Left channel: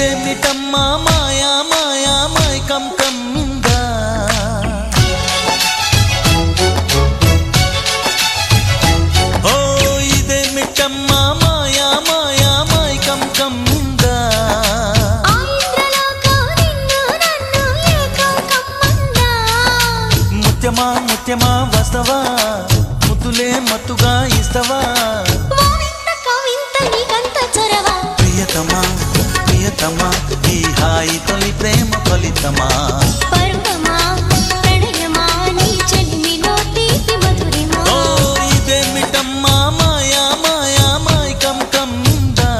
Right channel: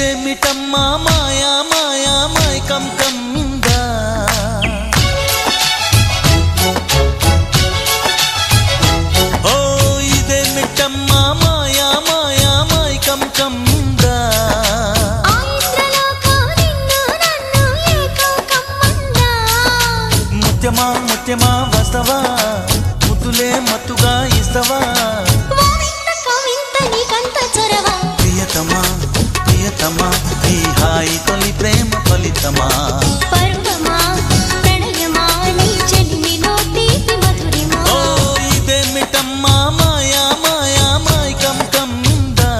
ఇదేమిటమ్మా మాయా మాయా మైకం కమ్మిందా ఓ ఇదేమిటమ్మా మాయా మాయా మైకం కమ్మిందా ముత్యమా ముత్యమా వస్తవా ముద్దులే మత్తుగా ఇస్తవా ప్రియతమా ప్రియతమా ఈ హాయి తొలి ప్రేమ ఫలితమా పరువమా ప్రణయమా నీ చెలిమిలో తీపి మధురిమా ఓ ఇదేమిటమ్మా మాయా మాయా మైకం కమ్మిందా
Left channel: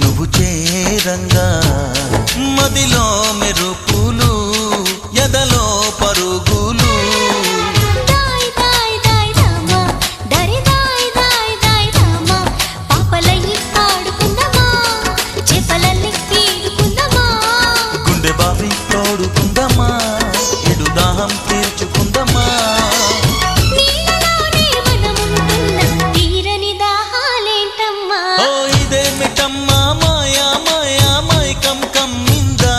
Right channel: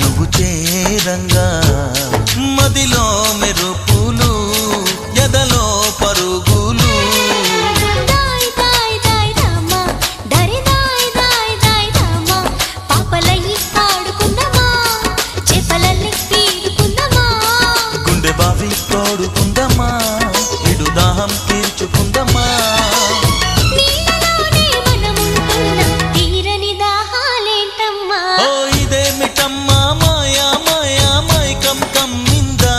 నువ్వు చేరంగా మదిలో మెరుపులు ఎదలో పరుగులు గుండె బావి తోడుకుందమ్మా ఎడు దాహం తీర్చుకుందమ్మా ఇదేమిటమ్మా మాయా మాయా మైకం కమ్మిందా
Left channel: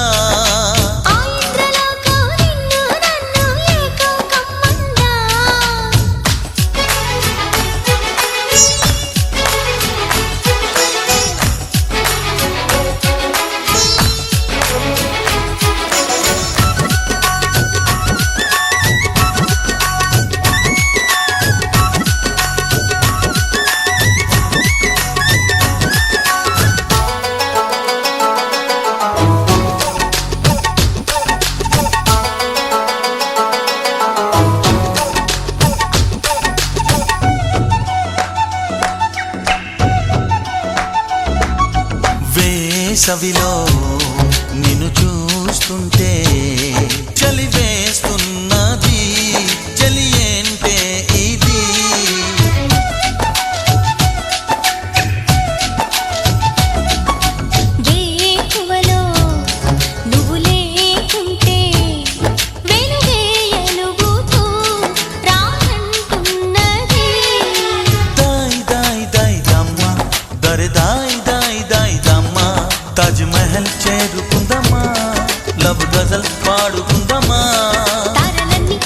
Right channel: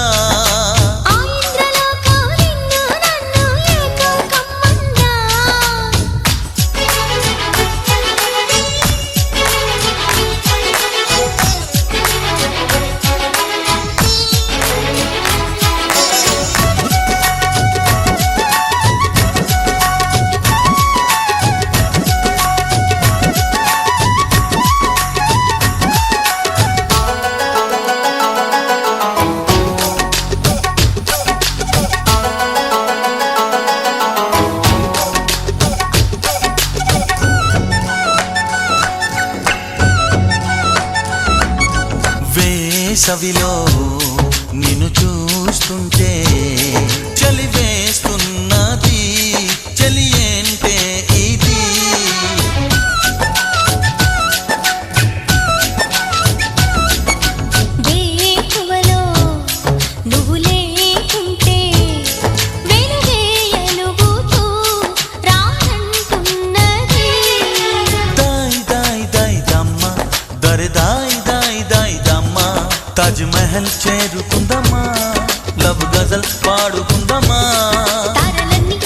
వేసవిలో నిన్ను చూస్తుంటే చలి వేస్తున్నది చలి ఏంటే ఇది వేకువలో నువ్వు లేకుంటే వెలుగే ఎలుగుతూ రానంటున్నది దాయ్ దాయ్ దాయ్ దమ్మ దరి దాయ్ దాయ్ దాయ్ దమ్మ తాజ్ మహల్ చేరుకుందమ్మా లవ్ గజల్ పాడుకుందమ్మా తారలన్నీ